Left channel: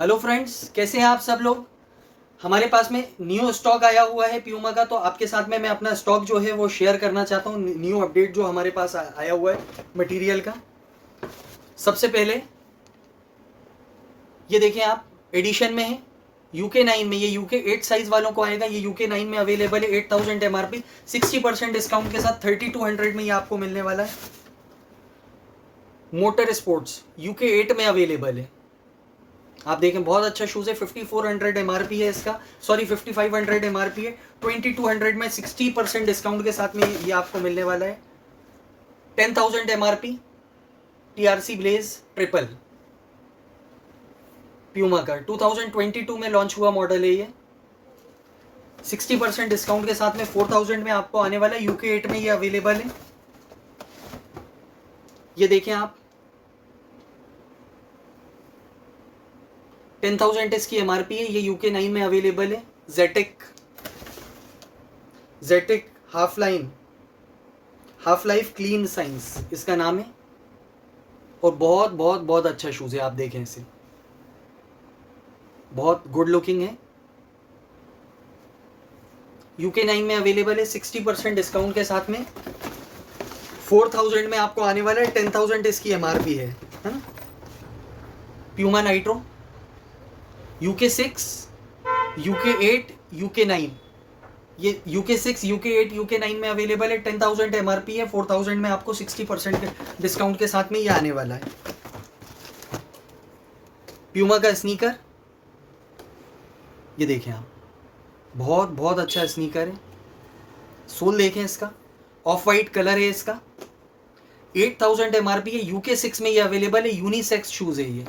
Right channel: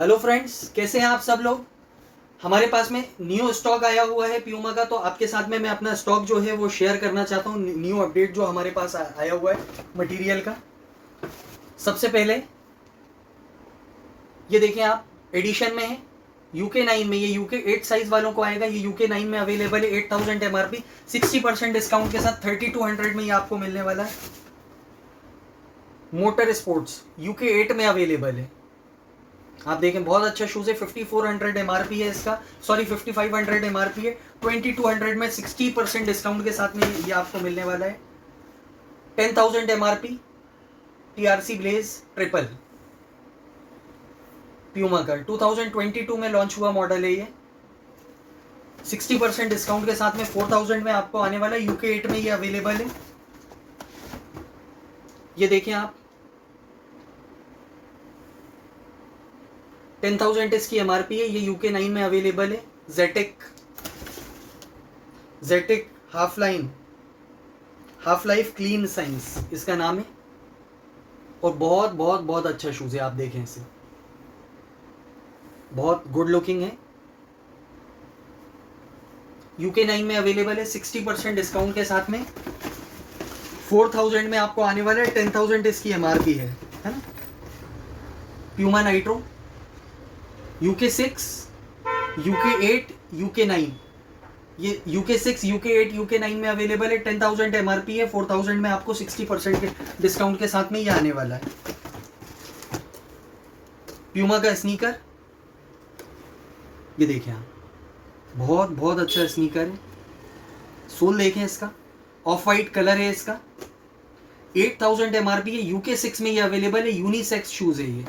Hello friends, कैसे हैं आप सब लोग। हमारे पास में न्यू स्टॉक आया हुआ है प्यूमा का, तो आपके साथ में मैं अपना स्टॉक जो है वो शेयर करना चाहता हूँ। न्यू अपडेट जो हमारे पास आया हुआ है मटेरियल का। सबसे पहले ये देखें आप, एडिशन में है यूके 9 में। ये यूके 8 साइज वालों को आएगा। ये यूके 9 में अवेलेबल है। 8000 MRP, 60% डिस्काउंट के साथ 3200 में ये आपको मिलने वाला है। मोटर स्पोर्ट्स यूके 8 में अवेलेबल है। आप देखें, बहुत अच्छा शूज है। 5400 MRP है इसका, सॉरी 5500 MRP है। 2200 में 60% डिस्काउंट के साथ में ये आपको मिलने वाला है। 10,000 MRP TRC blaze triple Puma का 2022 में लॉन्च हुआ मॉडल है ये। 60% डिस्काउंट के साथ में 4000 में आपको आने वाला है। यूके 8 में ये अवेलेबल है। ये देखें आप, 10,000 इसकी MRP है। ये यूके 9 में अवेलेबल है। जेटिक हाफ लाइफ क्लीन साइंस इसका नाम है। और बहुत बहुत बहुत अच्छा शूज है। आप देखें इसे, बहुत गुड लुकिंग है। यूके 9 में अवेलेबल है। 60% डिस्काउंट के साथ में 4000 में आपको आने वाला है। 10,000 इसकी MRP है ना। Puma nitro UK 6, UK 8, UK 9। ये यूके 6, यूके 8, यूके 9 में अवेलेबल है। 10,000 MRP है। 4000 में आपको 60% डिस्काउंट के साथ में ये आने वाला है। प्यूमा का स्नीकर, ये देखें आप, बहुत बहुत अच्छा स्नीकर है। सोल देखें इसका, ऑफ वाइट कलर है इसका। 8000 MRP है। यूके 6 में ये अवेलेबल है। यूनिसेक्स शूज है ये।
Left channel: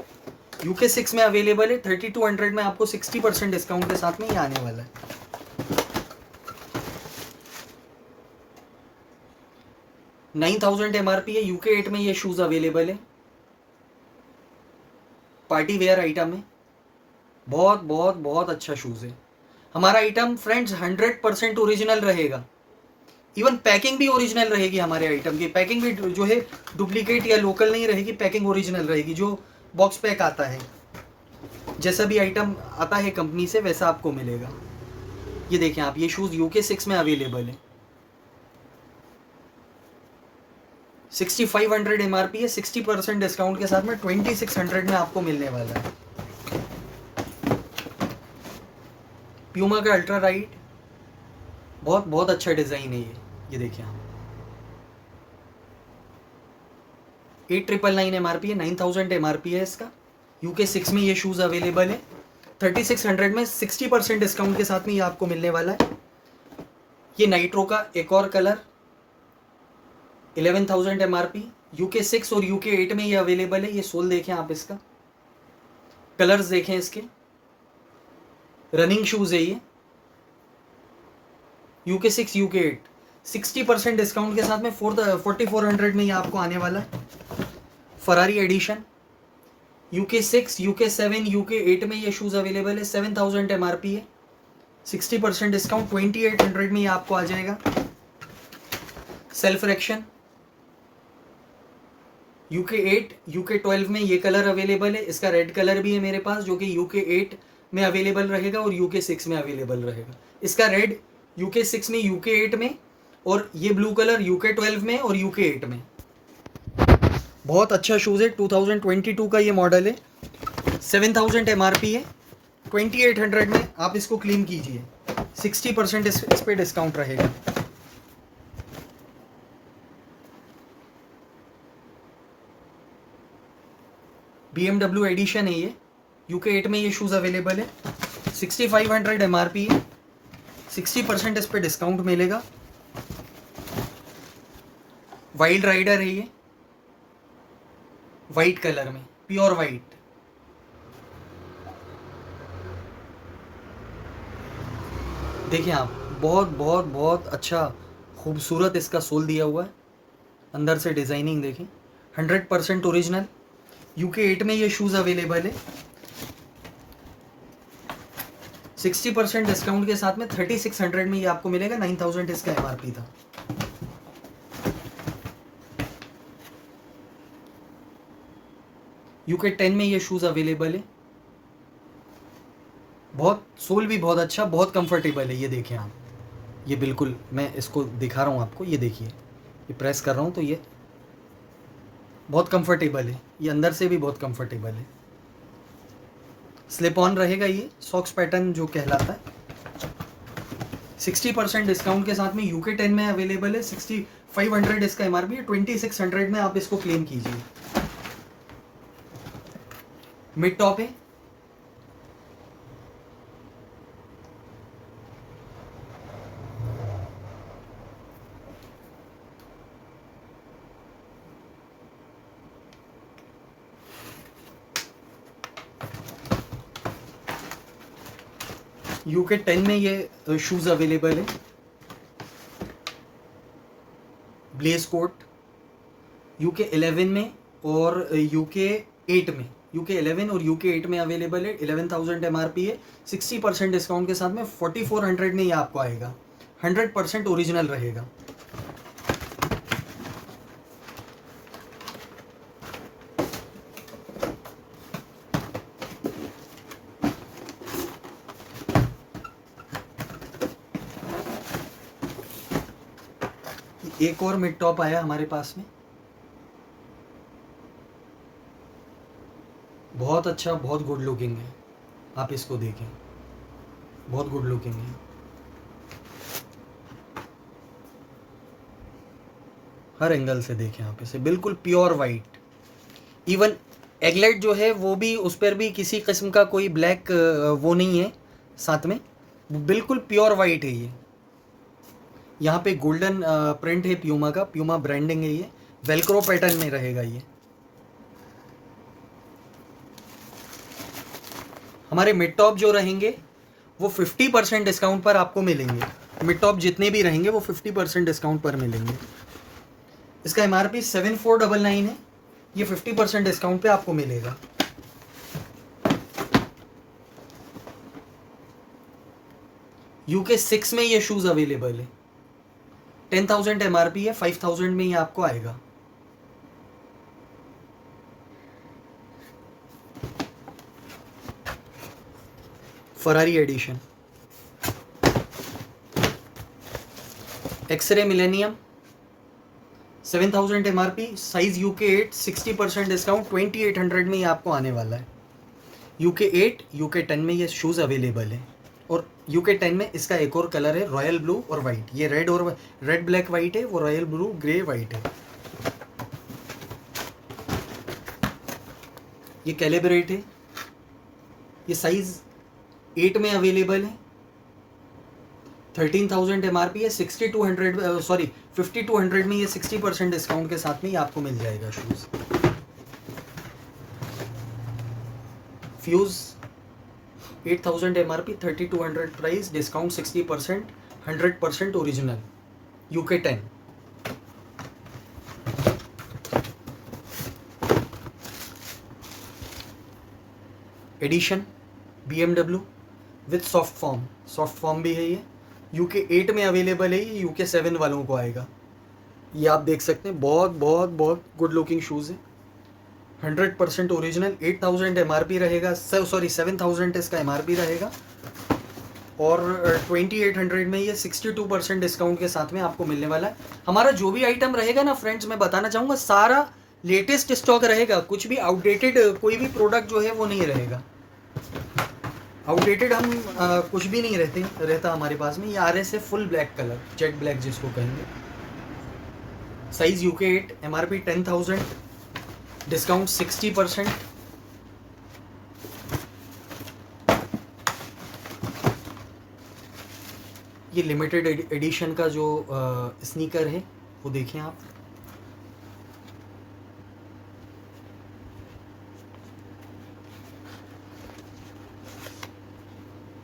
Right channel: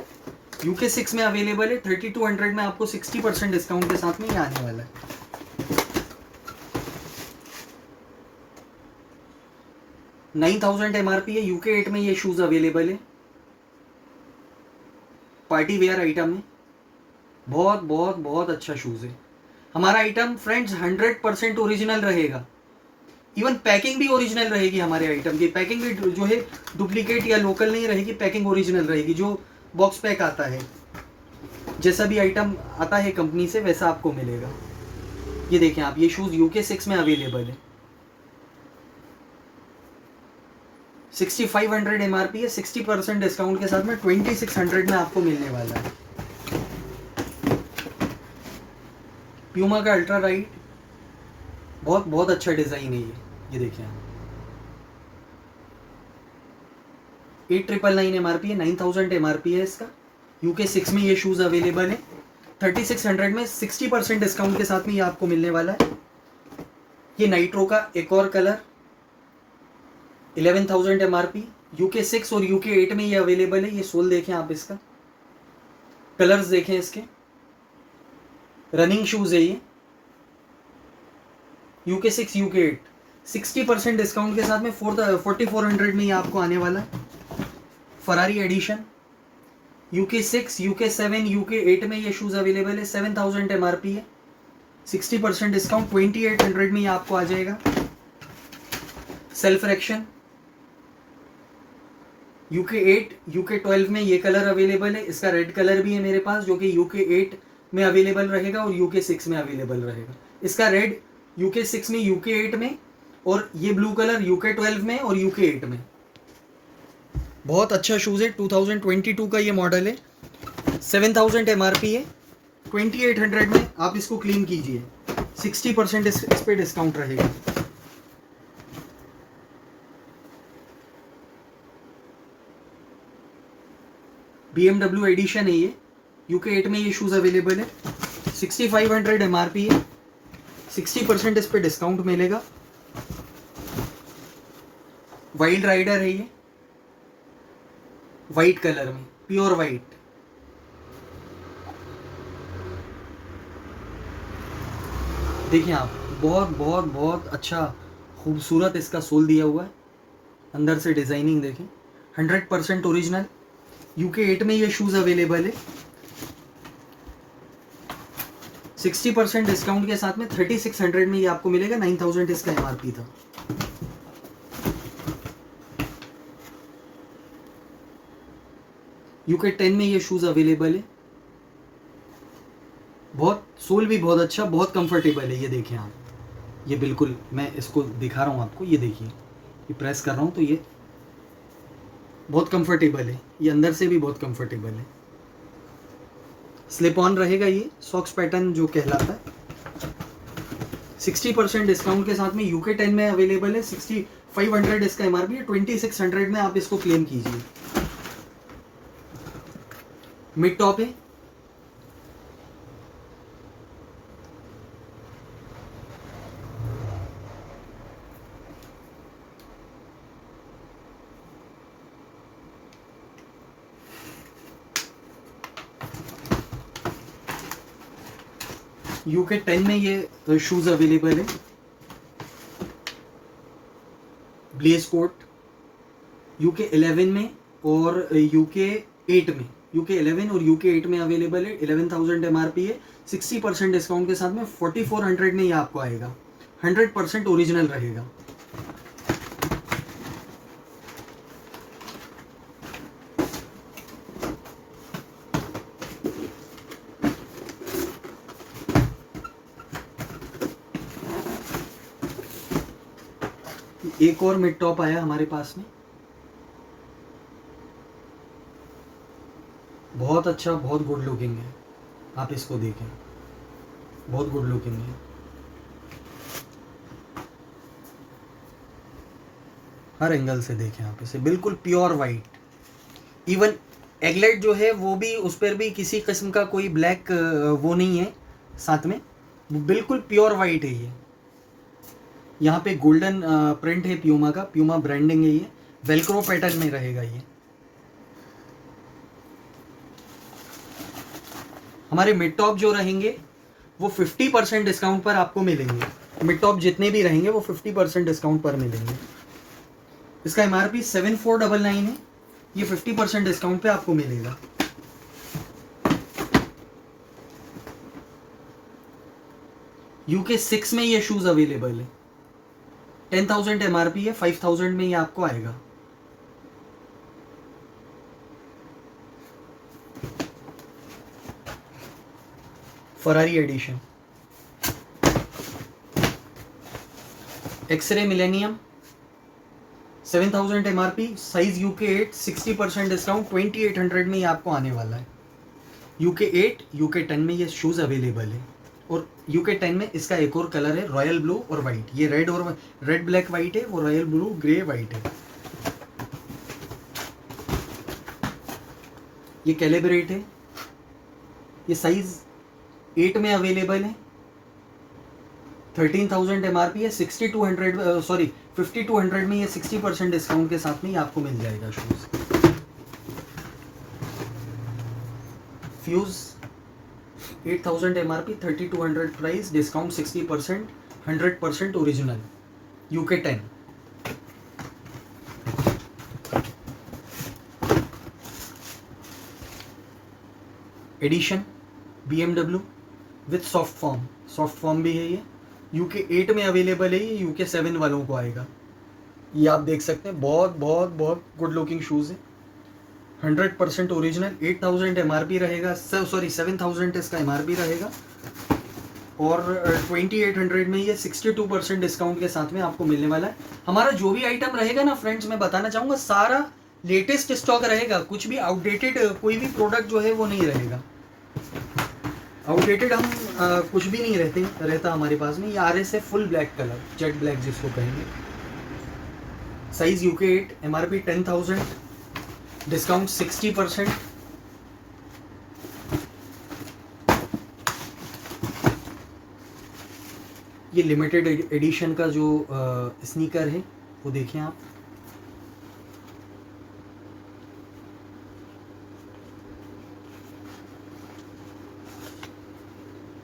यूके 6 में अवेलेबल है। 3200 में आपको 60% डिस्काउंट के साथ में ये आने वाला है। 9000 MRP है। यूके 8 में ये शूज अवेलेबल है। पार्टी वेयर आइटम है। बहुत बहुत बहुत अच्छा शूज है। हमारा आइटम फ्रेंड्स 100% ओरिजिनल रहेगा। इवन पैकिंग भी ओरिजिनल रहेगी। हमारे आइटम की पैकिंग भी जो है डुप्लीकेट या लोकल नहीं रहेगी। पैकिंग ओरिजिनल रहेगी। जो बॉक्स पैक आता है, जैसा भी आइटम आता है कंपनी से, वैसा आपको मिलेगा। ये देखें आप, ये शूज यूके 6 में अवेलेबल है। 6500 MRP है। 60% डिस्काउंट के साथ में 2600 में आपको मिलने वाला है। प्यूमा का अल्ट्रा राइट, बहुत बहुत अच्छा डिजाइन है ये देखें आप। 8999 MRP है। 9000 MRP है इसका। यूके 6 में ये शूज अवेलेबल है। 3600 में 60% डिस्काउंट के साथ में ये आपको मिलने वाला है। ये नाइट्रो का एक और कलर, 11,000 MRP। यूके 6 और यूके 8 में ये अवेलेबल है। ये सोल देखें आप, इसका कलर्स देखें इसके। रनिंग शूज है ये। यूके 6, यूके 8, 60% डिस्काउंट के साथ में 4400 में ये आपको आने वाला है। Ferrari edition UK 6, UK 7, UK 8 में ये शूज अवेलेबल है। 7000 MRP है। 60% डिस्काउंट 2800 में ये आपको आ जाएगा। सेल्फ रेक्शन यूके 8, यूके 12 में ये कलर अवेलेबल है। इसका रेड कलर भी है मेरे पास, जो कि यूके 8 में अवेलेबल रहेगा और यूके 6 में अवेलेबल रहेगा। इसका रेड यूके 6 में, यूके 8 में, और ये ब्लू कलर यूके 12 में और यूके 8 में। बहुत अच्छा शूज़ है। 2022 का ये मॉडल है। 7000 MRP है। 2800 में आप इसको क्लीन कीजिए। 60% इस पे डिस्काउंट रहेगा। BMW एडिशन है ये। यूके 8 में ये शूज़ अवेलेबल है। 6500 MRP है। 60% इस पे डिस्काउंट मिलेगा। वाइल्ड राइडर है ये, वाइट कलर में, प्योर वाइट। देखें आप, बहुत बहुत बहुत अच्छा खूबसूरत इसका सोल दिया हुआ है। अंदर से डिजाइनिंग देखें, 100% ओरिजिनल। यूके 8 में ये शूज अवेलेबल है। 60% डिस्काउंट के साथ में 3600 में ये आपको मिलेगा। 9000 इसका MRP था। यूके 10 में ये शूज अवेलेबल है। बहुत सोल भी बहुत अच्छा, बहुत कंफर्टेबल है। ये देखें आप, ये बिल्कुल मैं इसको दिखा रहा हूँ आपको, ये देखिए, ये प्रेस कर रहा हूँ तो ये बहुत कंफर्टेबल है, ये अंदर से भी बहुत कंफर्टेबल है। स्लिप ऑन रहेगा ये सॉक्स पैटर्न जो कहलाता है। 60% डिस्काउंट के साथ में यूके 10 में अवेलेबल है। 6500 इसका एमआरपी है, 2600 में आप इसको क्लेम कीजिए। मिड टॉप है, यूके 10 में ये शूज अवेलेबल है। ब्लेज कोट यूके 11 में और यूके 8 में, यूके 11 और यूके 8 में अवेलेबल है। 11,000 एमआरपी है। 60% डिस्काउंट के साथ में 4400 में ये आपको आएगा। 100% ओरिजिनल रहेगा। एक और मिड टॉप आया हमारे पास में, बहुत अच्छा, बहुत गुड लुकिंग है। आप इसको देखें, बहुत गुड लुकिंग है। हर एंगल से देखें आप इसे, बिल्कुल प्योर वाइट। इवन एगलेट जो है वो भी, उस पर भी किसी किस्म का कोई ब्लैक वो नहीं है साथ में, बिल्कुल प्योर वाइट है ये। यहाँ पे गोल्डन प्रिंट है प्यूमा का, प्यूमा ब्रांडिंग है ये। वेलक्रो पैटर्न में रहेगा ये। हमारे मिड टॉप जो रहेंगे वो 50% डिस्काउंट पर आपको मिलेंगे। मिड टॉप जितने भी रहेंगे वो 50% डिस्काउंट पर मिलेंगे। इसका एमआरपी 7499 है, ये 50% डिस्काउंट पे आपको मिलेगा। यूके 6 में ये शूज अवेलेबल है। 10,000 एमआरपी है, 5,000 में ये आपको आएगा। Ferrari edition X-ray millennium, 7,000 MRP, size UK 8, 60% discount, 2,800 में ये आपको आने वाला है। यूके 8, यूके 10 में ये शूज अवेलेबल है। और यूके 10 में इसका एक और कलर है रॉयल ब्लू और वाइट। ये रेड और रेड ब्लैक वाइट है, वो रॉयल ब्लू ग्रे वाइट है। ये कैलिब्रेट है, ये साइज 8 में अवेलेबल है। 13,000 एमआरपी है, 6,200 सॉरी 5,200 में ये 60% डिस्काउंट के साथ में ये आपको मिल जाएगा shoes. Fuse 8,000 MRP, 3,200 price, discount 60%, 100% original, UK 10। Edition BMW with soft foam भी है ये। यूके 8 में अवेलेबल है, ये यूके 7 वालों को आएगा। ये आप देख सकते हैं, बहुत बहुत बहुत गुड लुकिंग शूज़ है। 100% ओरिजिनल। 8,000 एमआरपी रहेगा, सॉरी 7,000 इसका एमआरपी रहेगा। और 2,800 में ये 62% डिस्काउंट के साथ में आपको मिलने वाला है। हमारा जो भी आइटम रहेगा ना फ्रेंड्स, मैं बताना चाहूँगा सारा लेटेस्ट स्टॉक रहेगा। कुछ भी आउटडेटेड कोई भी प्रोडक्ट जो है वो नहीं रहेगा। आउटडेटेड हम कुछ भी नहीं रहता हमारे पास में। ये RS है full black colour, jet black जिसको कहेंगे। Size UK 8, MRP 10,000, discount 60%। ये लिमिटेड एडिशन का जो स्नीकर है वो देखें आप।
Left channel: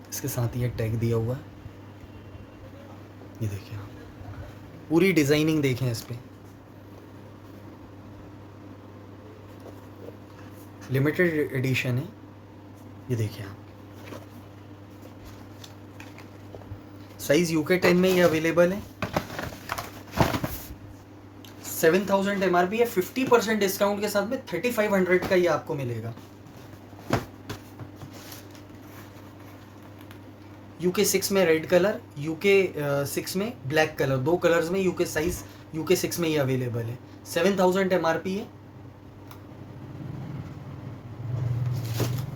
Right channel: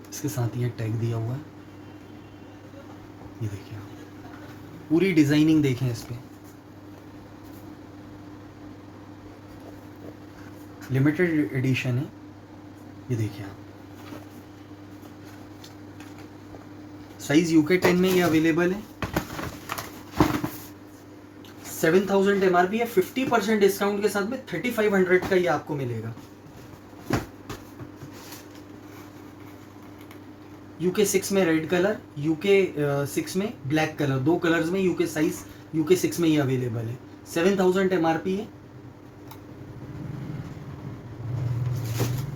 इसके साथ ये टैग दिया हुआ है, ये देखिए पूरी डिजाइनिंग देखें इस पे। लिमिटेड एडिशन है, ये देखिए आप। साइज यूके 10 में ये अवेलेबल है। 7,000 एमआरपी है, 50% डिस्काउंट के साथ में 3,500 का ये आपको मिलेगा। UK 6 में रेड कलर, UK 6 में ब्लैक कलर, दो कलर्स में UK साइज UK 6 में ये अवेलेबल है। 7000 MRP है।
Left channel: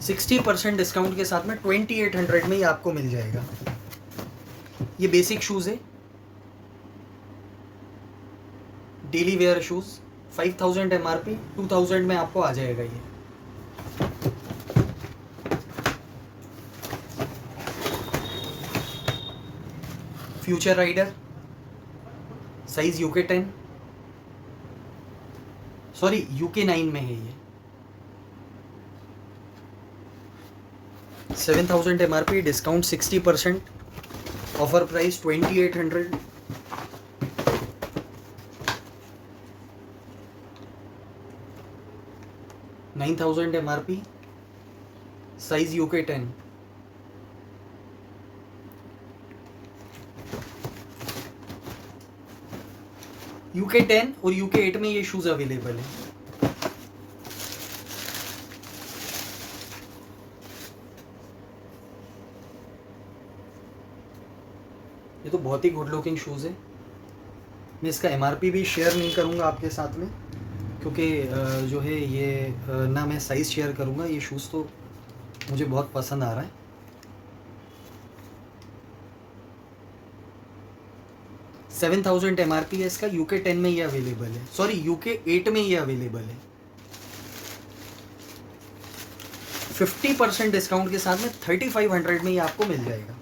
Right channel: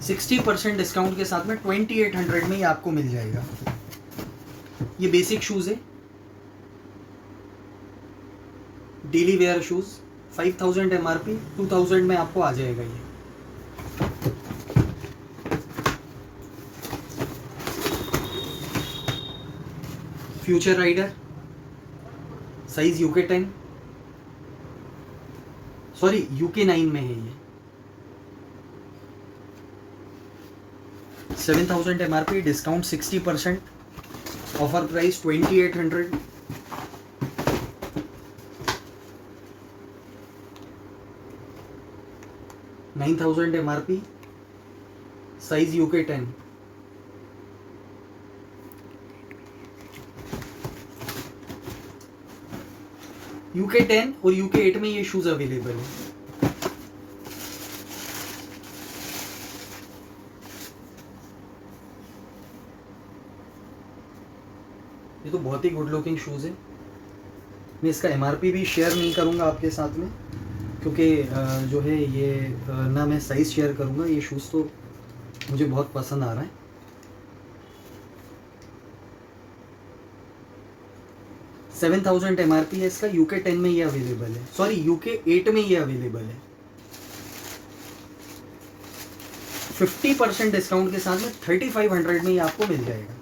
60% डिस्काउंट के साथ में 2800 में ये आपको मिल जाएगा। ये बेसिक शूज़ है, डेली वेयर शूज़, 5000 MRP, 2000 में आपको आ जाएगा ये। Future rider, size UK 10, sorry UK 9 में है ये। 7000 MRP, discount 60%, offer price 2800। $9000 MRP, size UK 10। UK 10 और UK 8 में ये शूज अवेलेबल है। ये तो बहुत ही गुड लुकिंग शूज़ है। मैं इसका MRP भी शेयर नहीं करूंगा आपके साथ में, क्योंकि जो है ये ना मैं साइज़ शेयर करूंगा। ये शूज़ तो मुझे बहुत पसंद आ रहा है। $7000 MRP है इसका। UK 10 में ये अवेलेबल है, सॉरी UK 8 में ये अवेलेबल है। 50% डिस्काउंट के साथ में 3500 में ये आपको मिल जाएगा।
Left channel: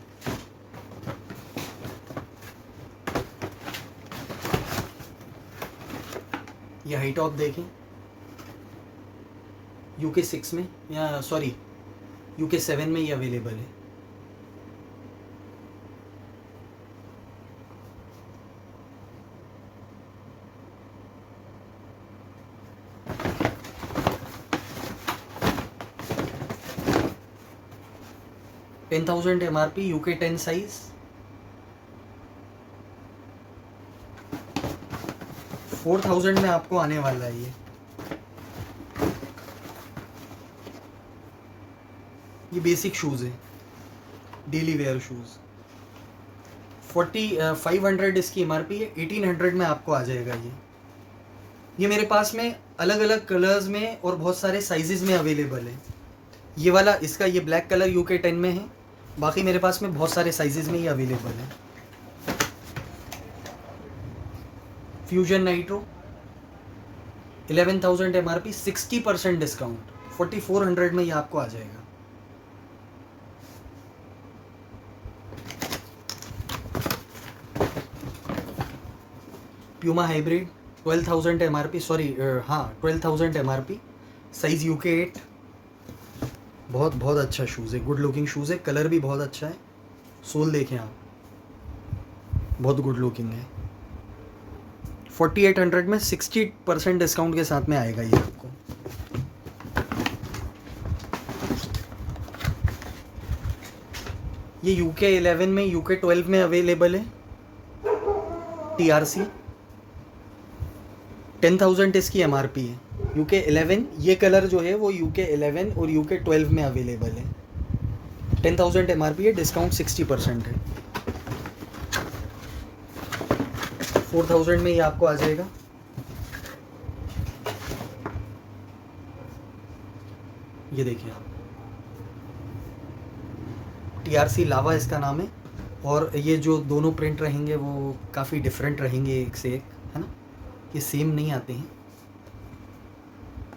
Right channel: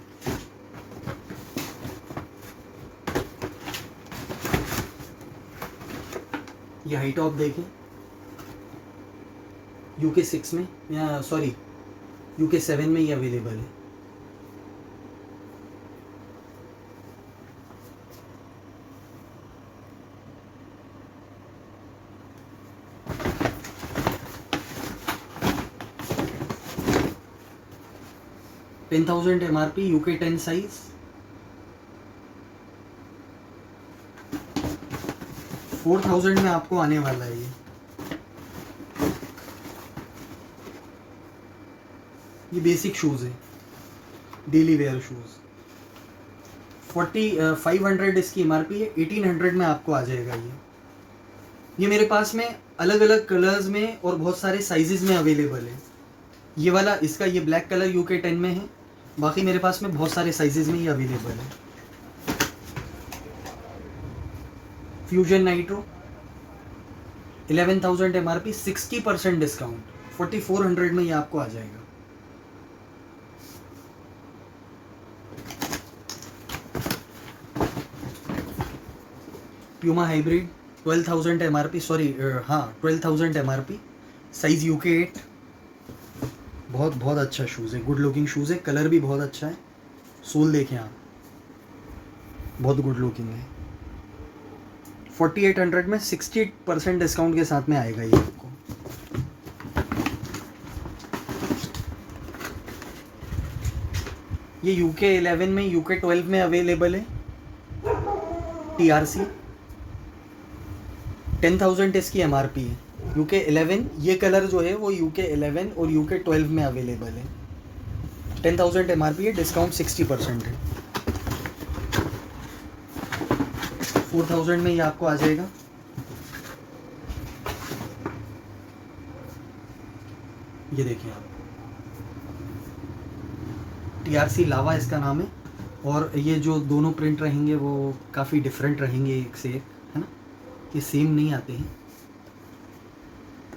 ये हाई टॉप देखें, UK 6 में, या सॉरी UK 7 में ये अवेलेबल है। $10,000 MRP, UK 10 साइज, 4000 में आपको आने वाला है ये बेसिक शूज़ है, डेली वेयर शूज़। 500 इसकी MRP है, 1800 में आपको आ जाएगा ये मेरे पास में अलग अलग कलर्स में और बहुत सारे साइजेस में अवेलेबल है। ये वाला, इसका ये ब्लैक कलर UK 10 में है, बाकी मेरे पास में बहुत सारे साइजेस में ये अवेलेबल है। फ्यूजन नाइट्रो, 11,000 MRP, 60% डिस्काउंट, 4400 में ये आपको आ जाएगा। प्यूमा हाइब्रिड, 12,000 MRP, सॉरी हाँ 12,000 MRP, साइज UK 8। बहुत बहुत अच्छा शूज़ है, गुड लुकिंग शूज़ है, कलर भी बहुत अच्छा है। सोल देखें आप, बहुत गुड लुकिंग है। 4800 में 60% डिस्काउंट के साथ में आएगा ये आपको। ये UK 11 में, UK 12 में अवेलेबल है। TRC, 10,000 इसकी MRP है। UK 11, ये कलर जो है वो UK 11 और UK 12 में अवेलेबल है। 10,000 MRP है, डिस्काउंट 60% है। 4000 में ये आपको आ जाएगा। ये देखिए, TRC लावा इसका नाम है, और ये जो दोनों प्रिंट रहेंगे वो काफ़ी डिफरेंट रहेंगे एक से एक, है ना, ये सेम नहीं आते हैं।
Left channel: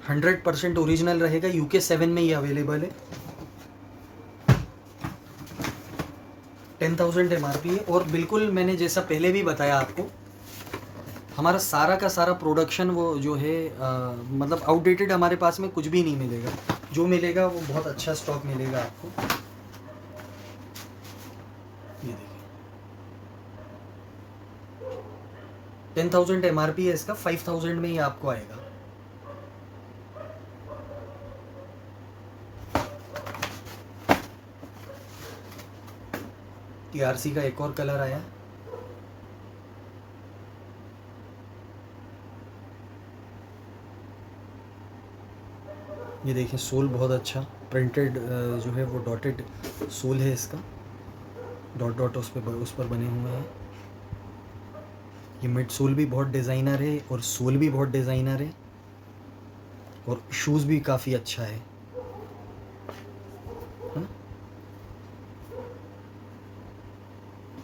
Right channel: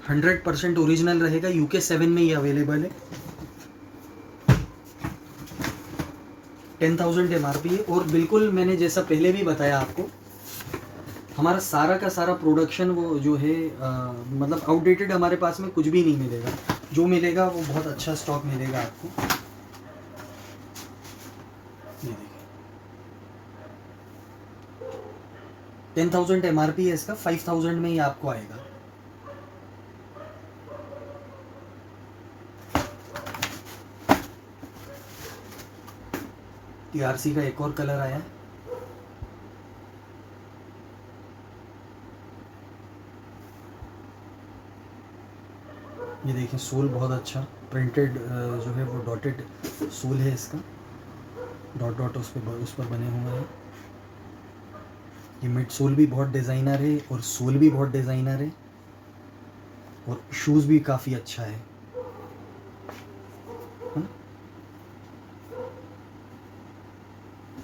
100% ओरिजिनल रहेगा। UK 7 में ये अवेलेबल है। 10,000 MRP है, और बिल्कुल मैंने जैसा पहले भी बताया आपको, हमारा सारा का सारा प्रोडक्शन वो जो है मतलब आउटडेटेड हमारे पास में कुछ भी नहीं मिलेगा। जो मिलेगा वो बहुत अच्छा स्टॉक मिलेगा आपको। ये देखिए, 10,000 MRP है इसका, 5,000 में ये आपको आएगा। TRC का एक और कलर आया, ये देखिए, सोल बहुत अच्छा प्रिंटेड जो है वो डॉटेड सोल है इसका। डॉट डॉट उस पर बने हुए हैं। ये मिड सोल भी बहुत डिज़ाइनर है और सोल भी बहुत डिज़ाइनर है और शूज़ भी काफ़ी अच्छा है।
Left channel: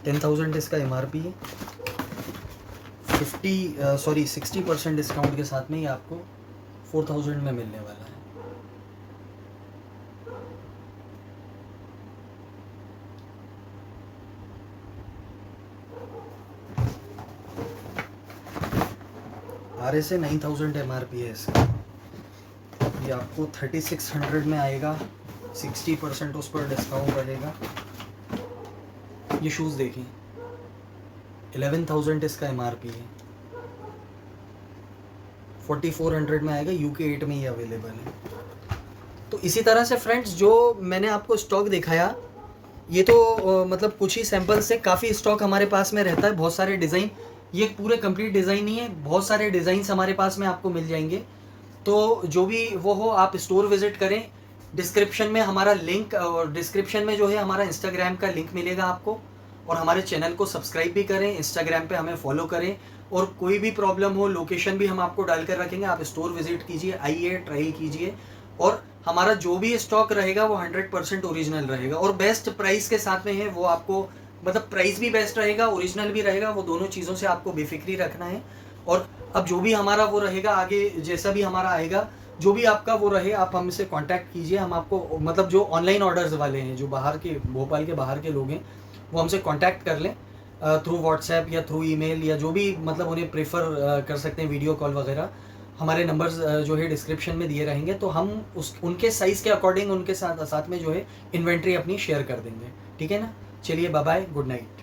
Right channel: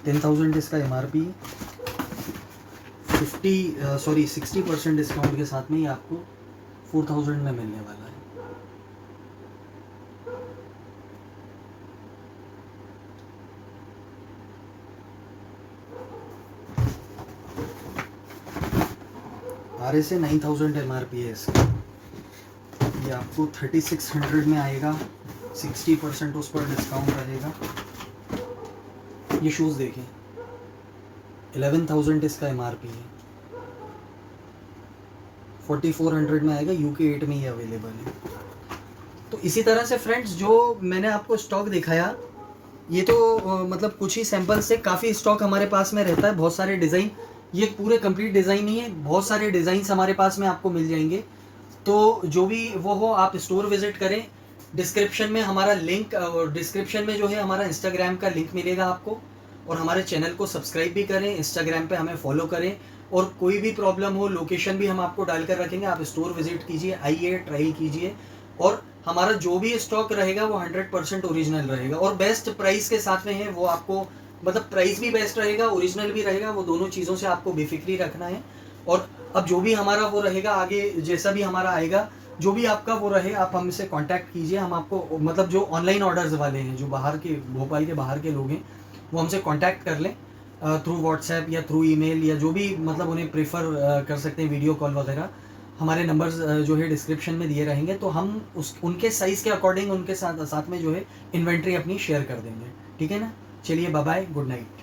10,000 इसका MRP है। 60% डिस्काउंट के साथ में ये आपको 4,000 में मिलने वाला है। RS से 9,000 MRP है इसका। ये आपको 3,600 में आएगा, 60% उस पर डिस्काउंट रहेगा। ये शूज़ देखिए, 11,000 इसका MRP है, 4,400 में आएगा। UK 8 में ये अवेलेबल है। तो इसी तरह से फ्रेंड्स, जो मैंने आपको स्टॉक दिखाया, ये तो मतलब कुछ ही सैंपल से, काफ़ी स्टॉक हमारे पास में रहता है, बहुत सारे डिज़ाइन। ये पूरे कंप्लीट डिज़ाइन नहीं है, बहुत सारे डिज़ाइंस हमारे पास में आपको मिल जाएंगे। तो जो भी वो हो, आप स्टोर विजिट करें। डिस्क्रिप्शन में हमारा लिंक, और डिस्क्रिप्शन में जो है हमारा इंस्टाग्राम का लिंक मिलेगा आपको। और हमारे चैनल को सब्सक्राइब भी करें, इंस्टाग्राम पे हमें फॉलो करें। और कोई भी प्रॉब्लम हो, लोकेशन भी हम आपको डाल कर रखेंगे, आप स्टोर विजिट कीजिए, आइए, ट्राई कीजिए। और हमारा जो भी स्टॉक रहेगा वो 100% ओरिजिनल रहेगा और बेस्ट प्राइस के साथ में है। वो आपको मतलब प्राइस भी बेस्ट रहेगा, ओरिजिनल भी रहेगा, वो दोनों चीज़ों से आपको बेफिक्री रखना है। और अब जो भी हमारा वो रहेगा आगे, जैसा भी हमारा आएगा, जो भी आपका वो रहे, आप हमसे कांटेक्ट कीजिए। हम आपको मतलब जो ऑनलाइन ऑर्डर्स वाले हैं, जो बाहर के, भोपाल के बाहर के लोग हैं, वो हमसे कांटेक्ट कर लें थ्रू व्हाट्सएप या थ्रू ईमेल, या जो भी मतलब उन्हें प्रेफर कर सकते हैं, वीडियो कॉल वगैरह। हमारे नंबर्स जो है डिस्क्रिप्शन में दिए रहेंगे, तो हम उनके साइज़ के अकॉर्डिंग उनके साथ में जो है इन्वेंट्री अपनी शेयर कर देंगे। ठीक है ना? चलिए, बाय बाय, गुड नाइट।